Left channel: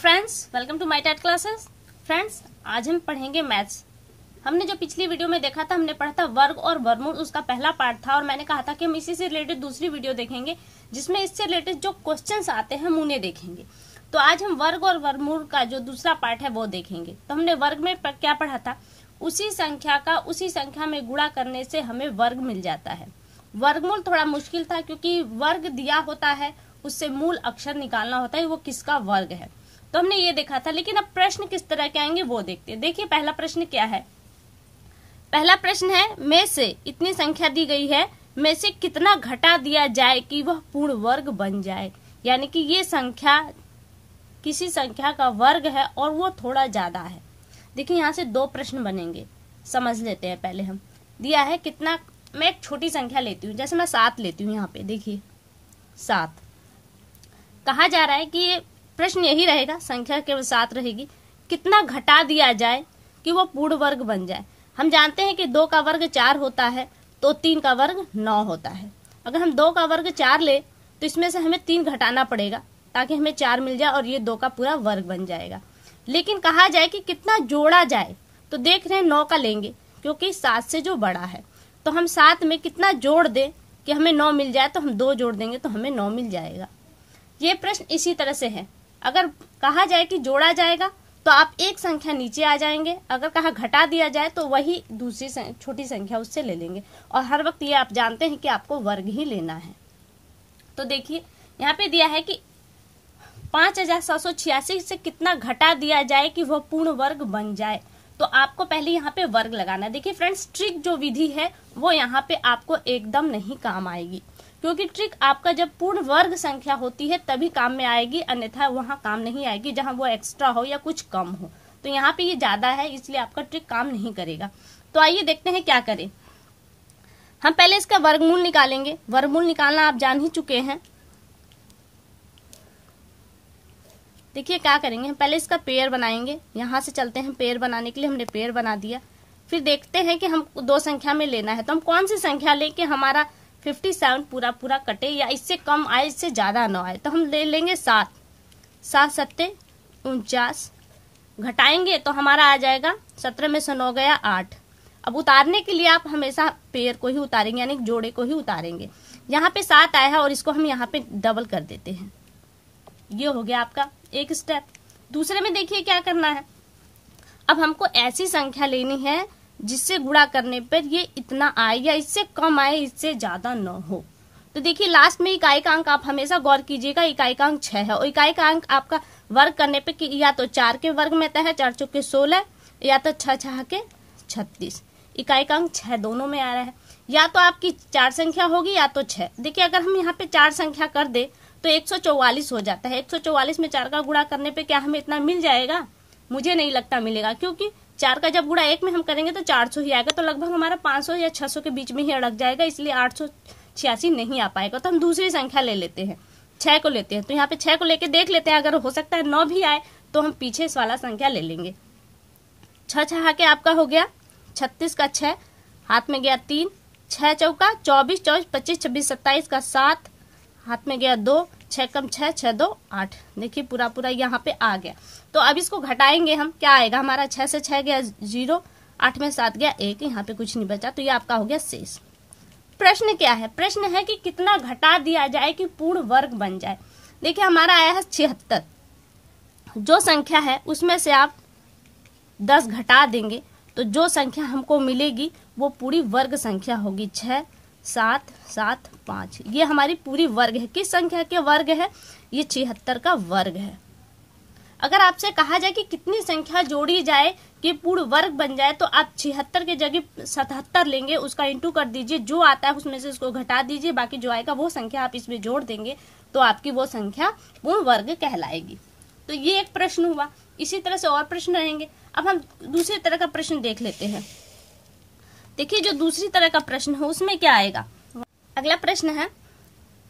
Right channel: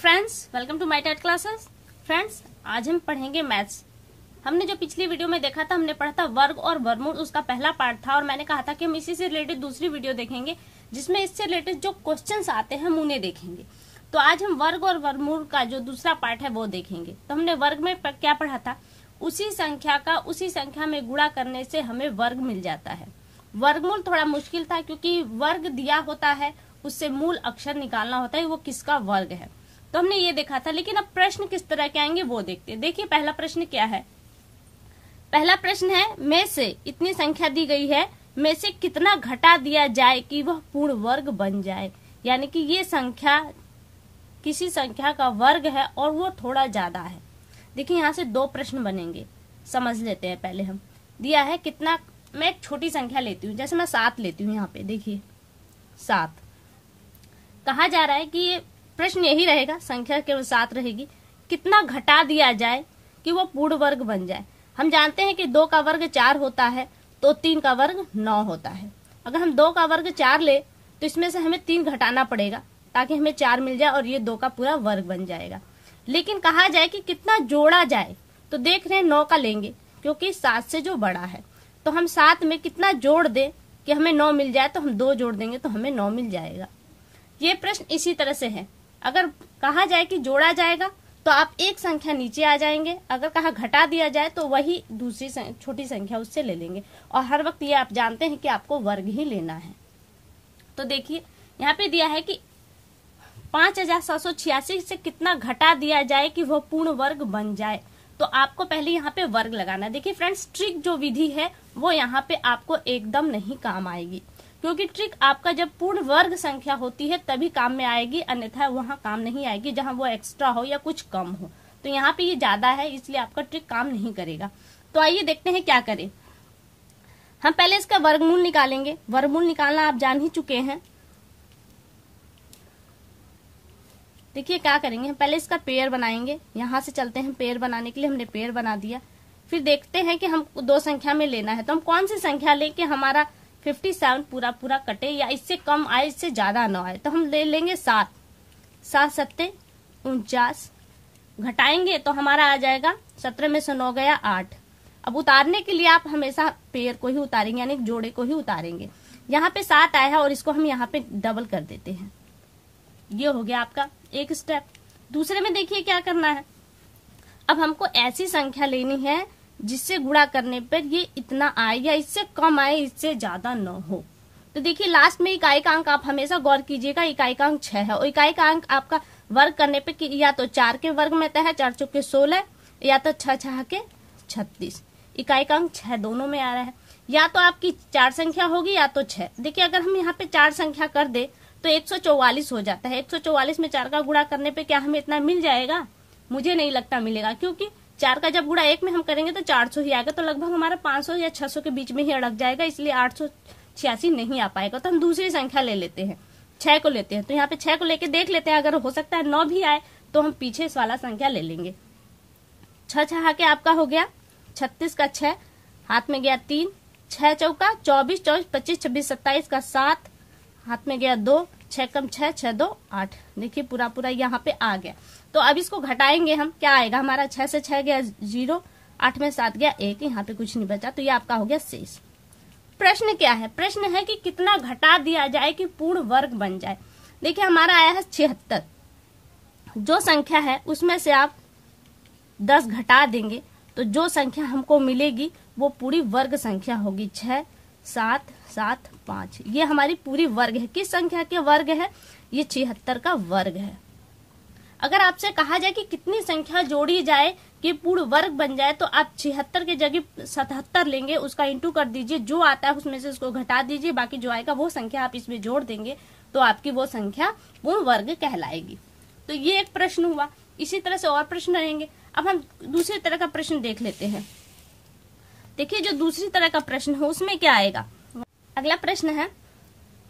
Friends, welcome to my TET classes. Friends, आज हम पढ़ेंगे मैथ्स। हमने जो पिछली वीडियो में देखा था, हमने पढ़ा था वर्ग और वर्गमूल, उसका पहला पार्ट था और मैंने कहा था कि हम इसी से रिलेटेड दूसरी वीडियो देखेंगे जिसमें इससे रिलेटेड जो क्वेश्चंस आते हैं हम उन्हें देखेंगे। तो आज हम वर्ग और वर्गमूल का जो दूसरा पार्ट है वो देखेंगे। तो हमने वर्ग में क्या पढ़ा था, उसी संख्या का उसी संख्या में गुणा करने से हमें वर्ग मिल जाता है। वर्गमूल थोड़ा मुश्किल था क्योंकि वर्ग दिया होता है, उससे मूल अक्षर निकालना होता है वो किसका वर्ग है। तो हमने ये देखा था, लेकिन अब प्रश्न किस तरह के आएंगे वो देखते हैं। देखिए पहला प्रश्न क्या है। पहला प्रश्न है, में से इतनी संख्या दी गई है, में से कितना घटा दिया जाए कि वह पूर्ण वर्ग बन जाए। यानी कि ये संख्या किसी संख्या का वर्ग है और वो थोड़ा ज्यादा है। देखिए यहाँ से दो प्रश्न बनेंगे, समझ लेते हैं। पहले हम दिया है कितना, मैं एक छोटी संख्या लेती हूँ, जैसे मैं 7 लेती हूँ। यहाँ पे देखिए 7 कहा जा रहा है कि ये प्रश्न यही रहेगा, संख्या केवल 7 रहेगी। कितना घटा दिया जाए कि वो पूर्ण वर्ग बन जाए। हम जानते हैं कि 2 का वर्ग 4 होता है तो 3 का वर्ग 9 होता है। अगर हम 2 का वर्ग 4 ले तो इसमें से हमें 3 घटाना पड़ेगा ताकि हमें 4 मिल जाए और ये 2 का पूरा वर्ग बन जाएगा। लेकिन कहा जाए कि कितना जोड़ा जाए, तो देख रहे हैं 9 का लेंगे क्योंकि 7 से जो बड़ा है। तो हम 7 में कितना जोड़ दें कि हमें 9 मिल जाए, तो हम 2 जोड़ देंगे तो हमें 9 मिल जाएगा। ये प्रश्न इसी तरह से है। अगर कहा जाए कि जोड़ा जाएगा तो आप एक संख्या नीचे आ जाएंगे, अगर कहा घटा दिया जाए तो वही दूसरी छोटी संख्या उससे ले लेंगे। और हर वक्त ये आप जानते हैं कि आपको वर्ग ही लेना है। तो देखिए यहाँ पे दिया है कि 5786 से कितना घटा दिया जाए कि वह पूर्ण वर्ग बन जाए। तो आपको पहले यहाँ पे वर्ग लगाना। देखिए फ्रेंड्स, ट्रिक जो विधि है वो यहाँ पे आपको एकदम नहीं काम आएगी, क्योंकि ट्रिक आपका जब पूर्ण वर्ग संख्या होती है तभी काम में आएगी, अन्यथा वहां काम नहीं आएगी जहां वो एक्स्ट्रा हो या कुछ कम हो। तो यहाँ पे ये ज्यादा है इसलिए आपका ट्रिक काम नहीं करेगा। तो आइए देखते हैं क्या करें। हम पहले इसका वर्गमूल निकालेंगे। वर्गमूल निकालना आप जान ही चुके हैं। देखिए क्या करेंगे, हम पहले इसका पेयर बनाएंगे। यहाँ से चलते हैं, पेयर बनाने के लिए हमने पेयर बना दिया। फिर देखते हैं कि हम 2 संख्या में लेना है तो हम कौन सी संख्या लें कि हमारा 57 पूरा पूरा कटे या इससे कम आए, इससे ज्यादा न आए। तो हम ले लेंगे 7। 7 सत्ते 49, घटाएंगे तो हमारा आ जाएगा 17 में से 9 गया 8। अब उतारने के लिए आप हमेशा पेयर को ही उतारेंगे, यानी जोड़े को ही उतारेंगे। यहाँ पे 7 आया है और इसको हम यहाँ पे डबल कर देते हैं। ये हो गया आपका एक स्टेप। दूसरे में देखिए क्या करना है। अब हमको ऐसी संख्या लेनी है जिससे गुणा करने पर ये इतना आए या इससे कम आए, इससे ज्यादा न हो। तो देखिए लास्ट में इकाई का अंक आप हमेशा गौर कीजिएगा, इकाई का अंक 6 है और इकाई का अंक आपका वर्ग करने पे या तो 4 के वर्ग में तय है, 4 चौके 16 या तो 6 6 के 36। इकाई का अंक 6 दोनों में आ रहा है। या तो आपकी 4 संख्या होगी या तो 6। देखिए अगर हम यहाँ पे 4 संख्या कर दे तो 144 हो जाता है। 144 में 4 का गुणा करने पे क्या हमें इतना मिल जाएगा? मुझे नहीं लगता मिलेगा, क्योंकि 4 का जब गुणा 1 में हम करेंगे तो 400 ही आएगा। तो लगभग हमारा 500 या 600 के बीच में ही अड़क जाएगा, इसलिए 886 नहीं आ पाएगा। तो हम दूसरी संख्या ले लेते हैं, 6 को लेते हैं। तो यहाँ पे 6 को लेके देख लेते हैं, अगर हो सकता है 9 भी आए तो हम पीछे इस वाला संख्या ले लेंगे। 6 6 के आपका हो गया 36 का 6, हाथ में गया 3, 6 चौका 24, 24 25 26 27 का 7, हाथ में गया 2, 6 कम 6 6 2 8। देखिए पूरा पूरा यहाँ पे आ गया। तो अब इसको घटाएंगे हम, क्या आएगा हमारा? 6 से 6 गया 0, 8 में 7 गया 1, यहाँ पे कुछ नहीं बचा। तो ये आपका हो गया शेष। प्रश्न क्या है? प्रश्न है कि कितना घटा दिया जाए कि पूर्ण वर्ग बन जाए। देखिए हमारा आया है 76। जो संख्या है उसमें से आप 10 घटा देंगे तो जो संख्या हमको मिलेगी वो पूरी वर्ग संख्या होगी। 6 7 7 5, ये हमारी पूरी वर्ग है। किस संख्या के वर्ग है? ये 76 का वर्ग है। अगर आपसे कहा जाए कि कितनी संख्या जोड़ी जाए कि पूर्ण वर्ग बन जाए, तो आप 76 के जगह 77 लेंगे, उसका इंटू कर दीजिए, जो आता है उसमें से उसको घटा दीजिए, बाकी जो आएगा वो संख्या आप इसमें जोड़ देंगे तो आपकी वो संख्या पूर्ण वर्ग कहलाएगी। तो ये एक प्रश्न हुआ। इसी तरह से और प्रश्न रहेंगे। अब हम दूसरी तरह का प्रश्न देख लेते हैं। देखिए जो दूसरी तरह का प्रश्न है उसमें क्या आएगा। अगला प्रश्न है,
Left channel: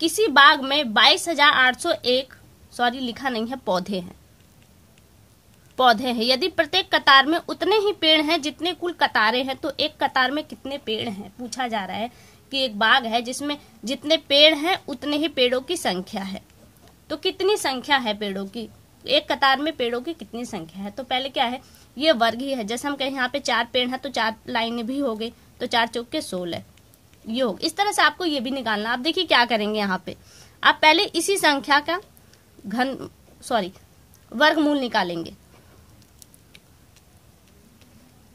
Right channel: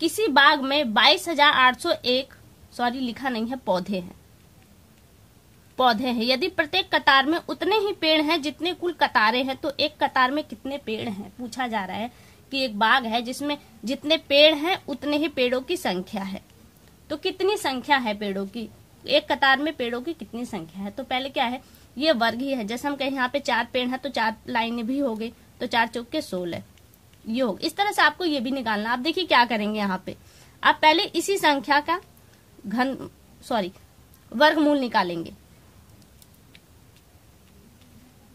किसी बाग में 22,801 लिखा नहीं है, पौधे हैं। यदि प्रत्येक कतार में उतने ही पेड़ हैं जितने कुल कतारें हैं, तो एक कतार में कितने पेड़ हैं? पूछा जा रहा है कि एक बाग है जिसमें जितने पेड़ हैं उतने ही पेड़ों की संख्या है। तो कितनी संख्या है पेड़ों की? एक कतार में पेड़ों की कितनी संख्या है। तो पहले क्या है, ये वर्ग ही है। जैसे हम कहें यहाँ पे 4 पेड़ है तो 4 लाइनें भी हो गई, तो 4 चौके 16 ये हो। इस तरह से आपको ये भी निकालना। आप देखिए क्या करेंगे, यहाँ पे आप पहले इसी संख्या का वर्गमूल निकालेंगे।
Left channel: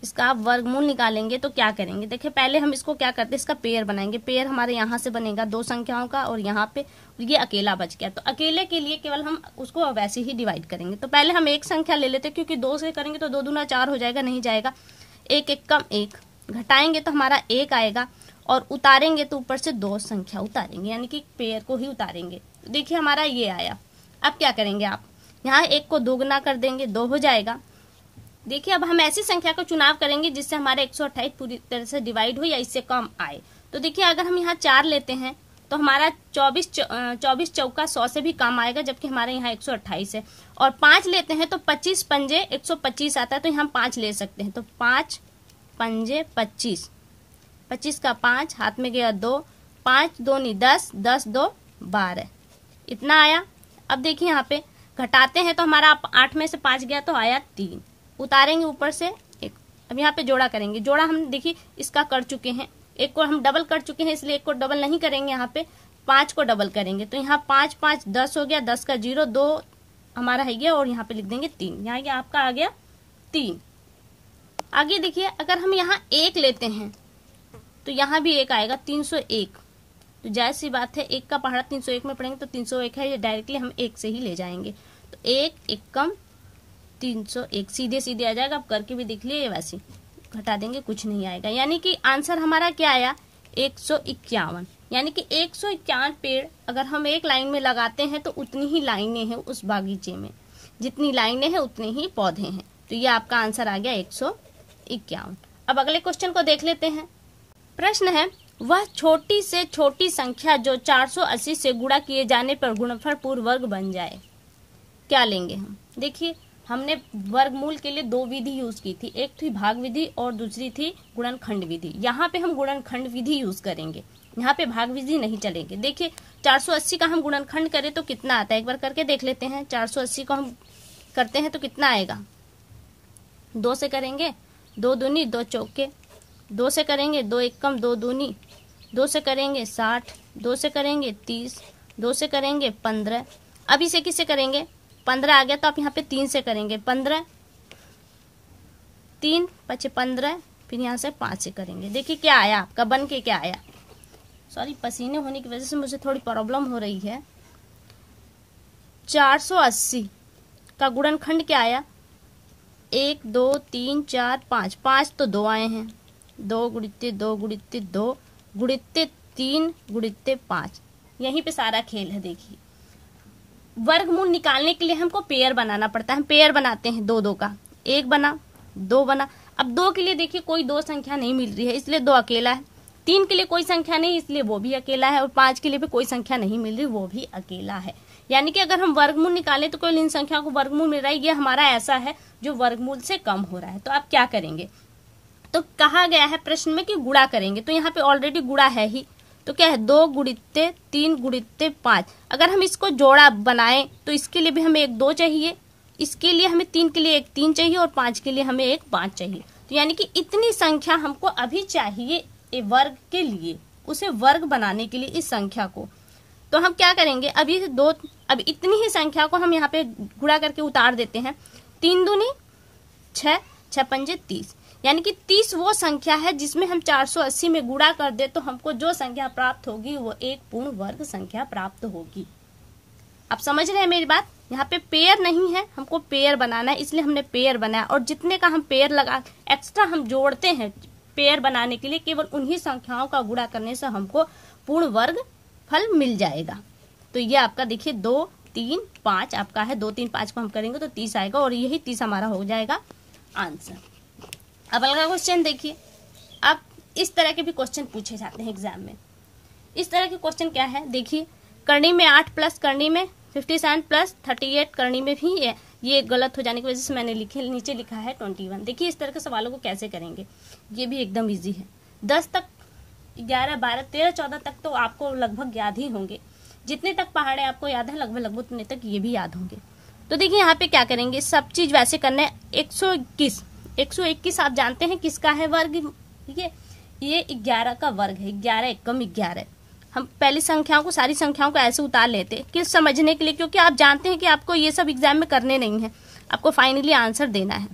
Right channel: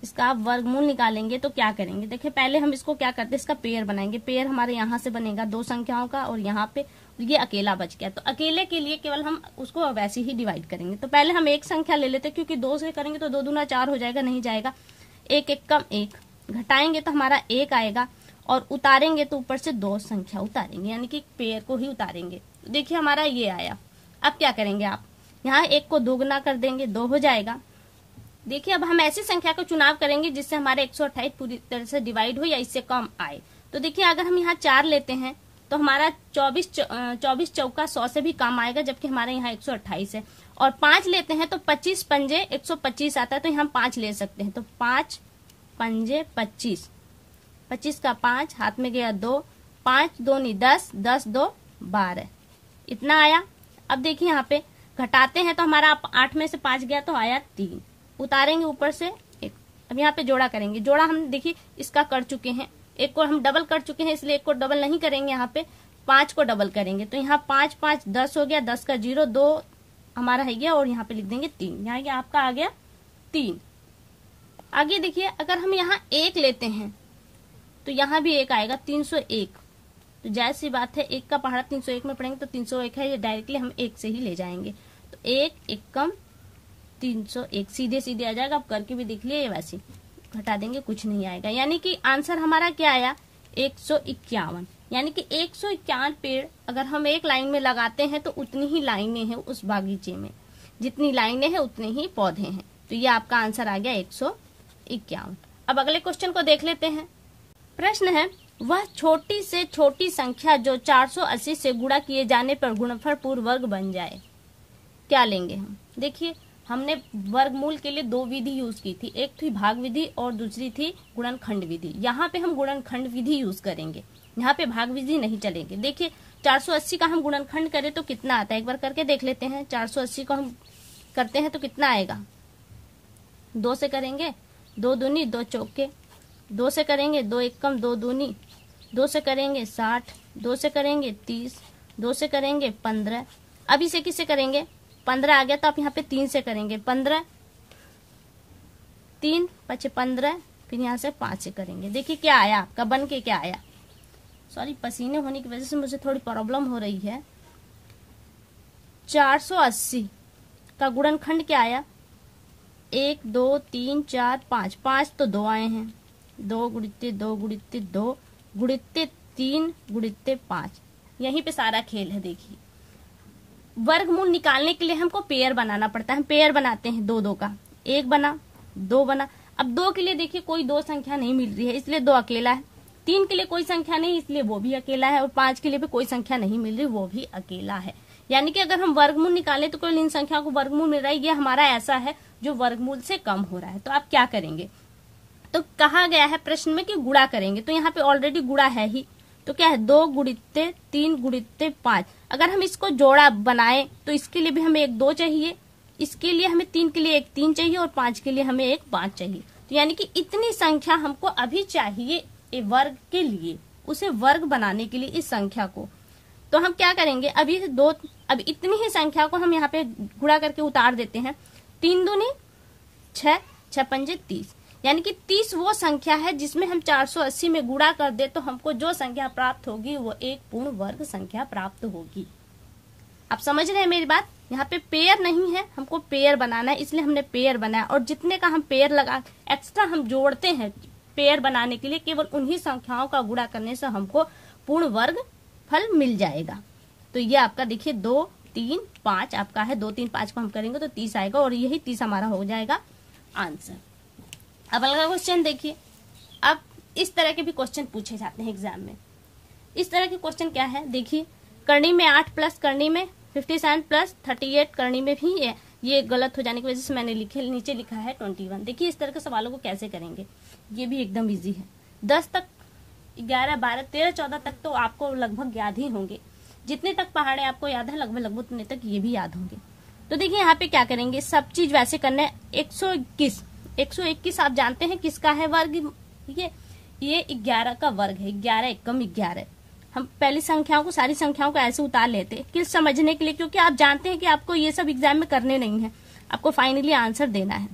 इसका आप वर्गमूल निकालेंगे तो क्या करेंगे, देखिए पहले हम इसको क्या करते हैं, इसका पेयर बनाएंगे। पेयर हमारे यहाँ से बनेगा 2 संख्याओं का, और यहाँ पे ये अकेला बच गया, तो अकेले के लिए केवल हम उसको वैसे ही डिवाइड करेंगे। तो पहले हम एक संख्या ले लेते, क्योंकि 2 से करेंगे तो 2 दूना 4 हो जाएगा, नहीं जाएगा। 1 1 कम 1, घटाएंगे तो हमारा 1 आएगा, और उतारेंगे तो ऊपर से 2 संख्या उतारेंगे, यानी कि पेयर को ही उतारेंगे। देखिए हमारा ये आया। अब क्या करेंगे, आप यहाँ 1 को 2 गुना कर देंगे, 2 हो जाएगा। देखिए अब हम ऐसी संख्या का चुनाव करेंगे जिससे हमारा 128 पूरी तरह से डिवाइड हो या इससे कम आए। तो देखिए अगर हम यहाँ 4 लेते हैं तो हमारा 24 चौका 100 से भी कम आएगा, जबकि हमारे यहाँ 128 है। और 5 लेते हैं तो 25 पंजे 125 आता है, तो हम 5 ले सकते हैं। तो 5 पंजे 25, 25 का 5 हाथ में गया 2, 5 2 नहीं 10, 10 2 12, इतना आया। अब देखिए यहाँ पे घटाते हैं तो हमारा 8 में से 5 गया तो आया 3, उतारेंगे ऊपर से 1। अब यहाँ पे जोड़ा करेंगे। जोड़ा हम देखिए इसका कर चुके हैं, 1 को हम डबल कर चुके हैं, इसलिए 1 को डबल नहीं करेंगे, यहाँ पे 5 को डबल करेंगे। तो यहाँ 5 5 10 हो गया, 10 का 0 2 हमारा है गया, और यहाँ पे लिख देंगे 3, यहाँ गया आपका आ गया 3। आगे देखिए अगर हम यहाँ 1 लेते हैं तो यहाँ भी 1 आएगा, 301। तो जायज सी बात है, 1 का पहाड़ा 301 में पढ़ेंगे तो 301 है, ये डायरेक्टली हम 1 से ही ले जाएंगे। तो 1 1 कम 301 सीधे सीधे आ जाएगा। आप करके भी देख लिए, वैसे घटा देंगे कुछ नहीं आएगा। यानी कि आंसर हमारा क्या आया, 151। यानी कि 151 पेड़ अगर हम एक लाइन में लगाते हैं तो उतनी ही लाइनें हैं उस बागीचे में, जितनी लाइनें हैं उतने ही पौधे हैं। तो ये आपका आंसर आ गया 151। अब अगले क्वेश्चन को देख लेते हैं। प्रश्न है, वह छोटी से छोटी संख्या जो 480 से गुणा किए जाने पर गुणनफल पूर्ण वर्ग बन जाए, क्या लेंगे हम। देखिए हमने वर्गमूल के लिए 2 विधि यूज की थी, एक थी भाग विधि और दूसरी थी गुणनखंड विधि। यहाँ पे हम गुणनखंड विधि यूज करेंगे, यहाँ पे भाग विधि नहीं चलेंगे। देखिए 480 का हम गुणनखंड करें तो कितना आता है, एक बार करके देख लेते हैं। 480 को हम करते हैं तो कितना आएगा, 2 से करेंगे 2 दूनी 2 चौके, 2 से करेंगे 2 1 कम 2 दूनी, 2 से करेंगे 60, 2 से करेंगे 30, 2 से करेंगे 15। अब इसे किससे करेंगे, 15 आ गया तो आप यहाँ पे 3 से करेंगे, 15 3 5 15, फिर यहाँ से 5 से करेंगे। देखिए क्या आया आपका, बन के क्या आया। सॉरी पसीने होने की वजह से मुझे थोड़ी प्रॉब्लम हो रही है। 480 का गुणनखंड क्या आया, 1 2 3 4 5, 5 तो 2 आए हैं, 2 गुणित्ते 2 गुणित्ते 2 गुणित्ते 3 गुणित्ते 5। यहीं पे सारा खेल है। देखिए वर्गमूल निकालने के लिए हमको पेयर बनाना पड़ता है। हम पेयर बनाते हैं 2 2 का, 1 बना 2 बना। अब 2 के लिए देखिए कोई 2 संख्या नहीं मिल रही है, इसलिए 2 अकेला है। 3 के लिए कोई संख्या नहीं, इसलिए वो भी अकेला है। और 5 के लिए भी कोई संख्या नहीं मिल रही, वो भी अकेला है। यानी कि अगर हम वर्गमूल निकालें तो कोई इन संख्या को वर्गमूल मिल रहा है, ये हमारा ऐसा है जो वर्गमूल से कम हो रहा है। तो आप क्या करेंगे, तो कहा गया है प्रश्न में कि गुणा करेंगे, तो यहाँ पे ऑलरेडी गुणा है ही। तो क्या है, 2 गुणित्ते 3 गुणित्ते 5। अगर हम इसको जोड़ा बनाएं तो इसके लिए भी हमें 1 2 चाहिए, इसके लिए हमें 3 के लिए 1 3 चाहिए, और 5 के लिए हमें 1 5 चाहिए। तो यानी कि इतनी संख्या हमको अभी चाहिए वर्ग के लिए, उसे वर्ग बनाने के लिए इस संख्या को। तो हम क्या करेंगे, अब इतनी ही संख्या को हम यहाँ पे गुणा करके उतार देते हैं। 3 दूनी 6, 6 पंजे 30, यानी कि 30 वो संख्या है जिसमें हम 480 में गुणा कर दे तो हमको जो संख्या प्राप्त होगी वो एक पूर्ण वर्ग संख्या प्राप्त होगी। आप समझ रहे हैं मेरी बात। यहाँ पे पेयर नहीं है, हमको पेयर बनाना है, इसलिए हमने पेयर बनाया। और जितने का हम पेयर लगा एक्स्ट्रा हम जोड़ते हैं पेयर बनाने के लिए, केवल उन्हीं संख्याओं का गुणा करने से हमको पूर्ण वर्ग फल मिल जाएगा। तो ये आपका देखिए 2 3 5 आपका है, 2 3 5 को हम करेंगे तो 30 आएगा, और यही 30 हमारा हो जाएगा आंसर। अब अगला क्वेश्चन देखिए। अब इस तरह के भी क्वेश्चन पूछे जाते हैं एग्जाम में। इस तरह के क्वेश्चन क्या है, देखिए करनी में 8 प्लस करनी में 57 प्लस 38 करनी में भी है। ये गलत हो जाने की वजह से मैंने नीचे लिखा है 21। देखिए इस तरह के सवालों को कैसे करेंगे, ये भी एकदम इजी है। 10 तक 11 12 13 14 तक तो आपको लगभग याद ही होंगे। जितने तक पहाड़े आपको याद है लगभग उतने तक ये भी याद होंगे। तो देखिए यहाँ पे क्या करेंगे, सब चीज वैसे करना है। 121 आप जानते हैं किसका है वर्ग, ये 11 का वर्ग है, 11 एकम 11। हम पहली संख्याओं को, सारी संख्याओं को ऐसे उतार लेते कि समझने के लिए, क्योंकि आप जानते हैं कि आपको ये सब एग्जाम में करने नहीं है, आपको फाइनली आंसर देना है।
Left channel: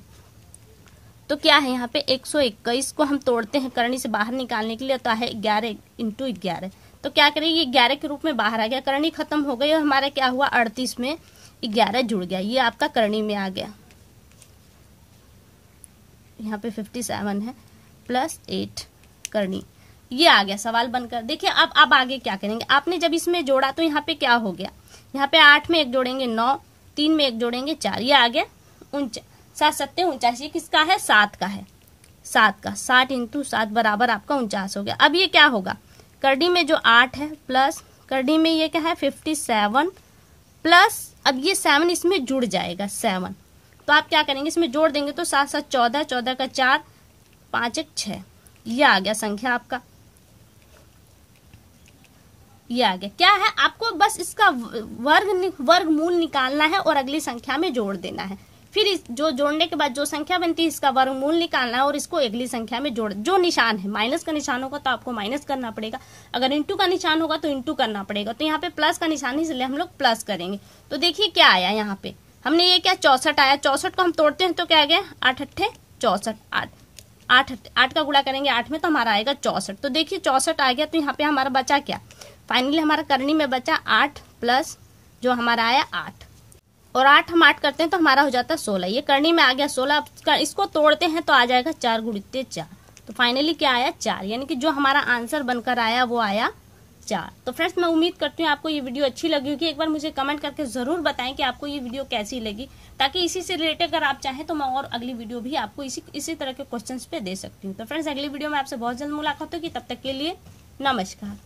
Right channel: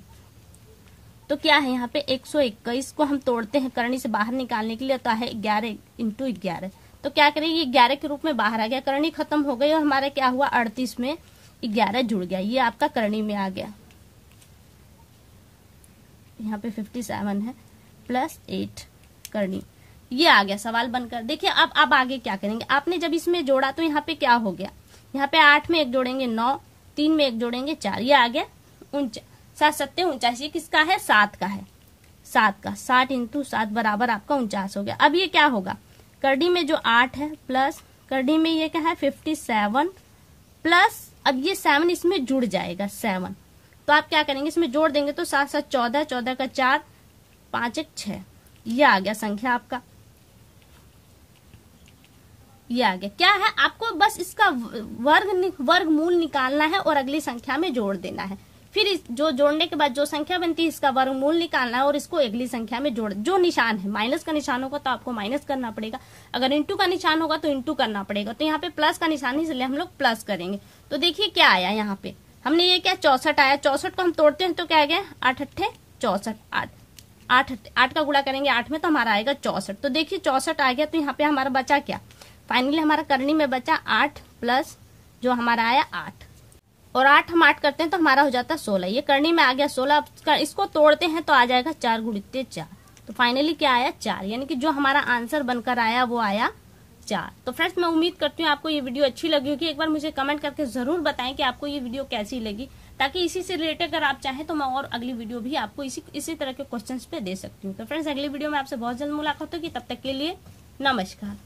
तो क्या है यहाँ पे 121 को हम तोड़ते हैं करनी से बाहर निकालने के लिए, तो है 11 × 11। तो क्या करें, ये 11 के रूप में बाहर आ गया, करनी खत्म हो गई और हमारा क्या हुआ 38 में 11 जुड़ गया, ये आपका करनी में आ गया। यहाँ पे 57 है प्लस 8 करनी, ये आ गया सवाल बनकर। देखिए अब आगे क्या करेंगे, आपने जब इसमें जोड़ा तो यहाँ पे क्या हो गया, यहाँ पे 8 में 1 जोड़ेंगे 9, 3 में 1 जोड़ेंगे 4, ये आ गया 7 7 49। ये किसका है, 7 का है, 7 का। 60 × 7 बराबर आपका 49 हो गया। अब ये क्या होगा, करनी में जो 8 है प्लस करनी में ये क्या है 57 प्लस, अब ये 7 इसमें जुड़ जाएगा 7, तो आप क्या करेंगे इसमें जोड़ देंगे तो 7 7 14, 14 का 4, 5 1 6, ये आ गया संख्या आपका, ये आ गया। क्या है, आपको बस इसका वर्गमूल निकालना है और अगली संख्या में जोड़ देना है। फिर जो जोड़ने के बाद जो संख्या बनती है इसका वर्गमूल निकालना है और इसको अगली संख्या में जोड़, जो निशान है, माइनस का निशान होगा तो आपको माइनस करना पड़ेगा, अगर इंटू का निशान होगा तो इंटू करना पड़ेगा। तो यहाँ पे प्लस का निशान है इसलिए हम लोग प्लस करेंगे। तो देखिए क्या आया यहाँ पे, हमने ये क्या 64 आया, 64 को हम तोड़ते हैं तो क्या आ गया 8 8 64, 8 का गुणा करेंगे 8 में तो हमारा आएगा 64। तो देखिए 64 आ गया, तो यहाँ पे हमारा बचा क्या, फाइनली हमारा करनी में बचा 8 प्लस जो हमारा आया 8, और 8 हम 8 करते हैं तो हमारा हो जाता 16, ये करनी में आ गया 16। इसको तोड़ते हैं तो आ जाएगा 4 × 4, तो फाइनली क्या आया 4, यानी कि जो हमारा आंसर बनकर आया वो आया 4। तो फ्रेंड्स मैं उम्मीद करती हूँ आपको ये वीडियो अच्छी लगी होगी। एक बार मुझे कमेंट करके जरूर बताएं कि आपको ये वीडियो कैसी लगी, ताकि इसी से रिलेटेड अगर आप चाहें तो मैं और अगली वीडियो भी आपको इसी तरह के क्वेश्चंस पे दे सकती हूँ। तो फ्रेंड्स अगली वीडियो में आपसे बहुत जल्द मुलाकात होगी, तब तक के लिए नमस्कार।